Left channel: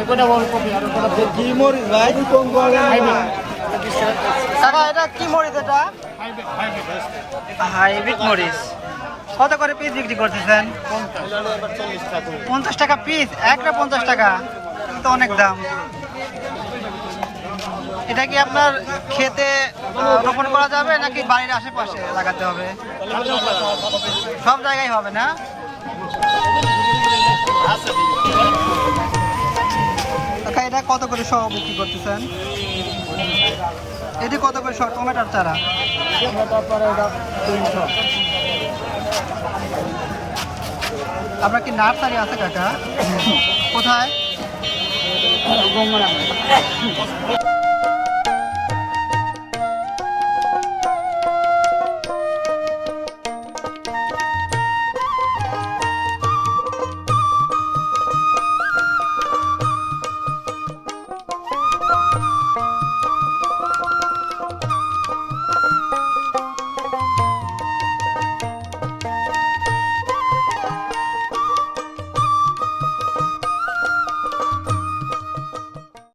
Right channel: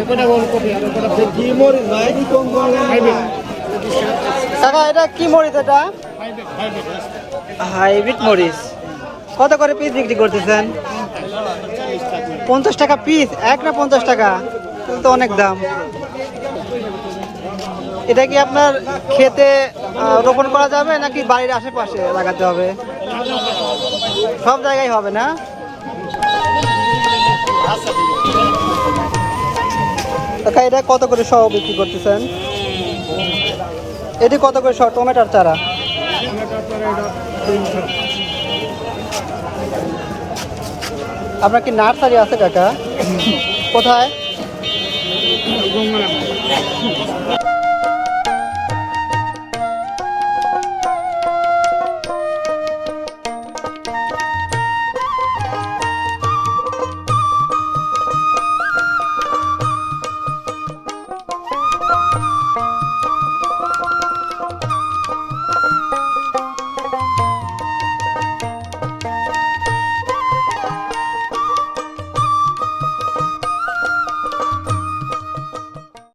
এগুলো ওলকপি আর ওগুলো কি মরিচ ভাই কোন হাইব্রিড কাকা এটা কি মরিচ এটা? হাইব্রিড হাইব্রিড হাইব্রিড মরিচ। কত করে পিস বিক্রি করতেছেন? 50 টাকা পিস, এক না 50 টাকা? তাহলে তো অনেক দাম। এটা কি আপনার খেতে রোপণ করা যাবে নাকি বাড়ির আশেপাশে লাগাতে হবে? সব জায়গায় হবে না? কাকা এটা কত করে সহ বিক্রি করতেছেন? এটি কত করে সহ টমেটোর চারা? আপনার কি নার্সারি আছে কাকা? কোথায়?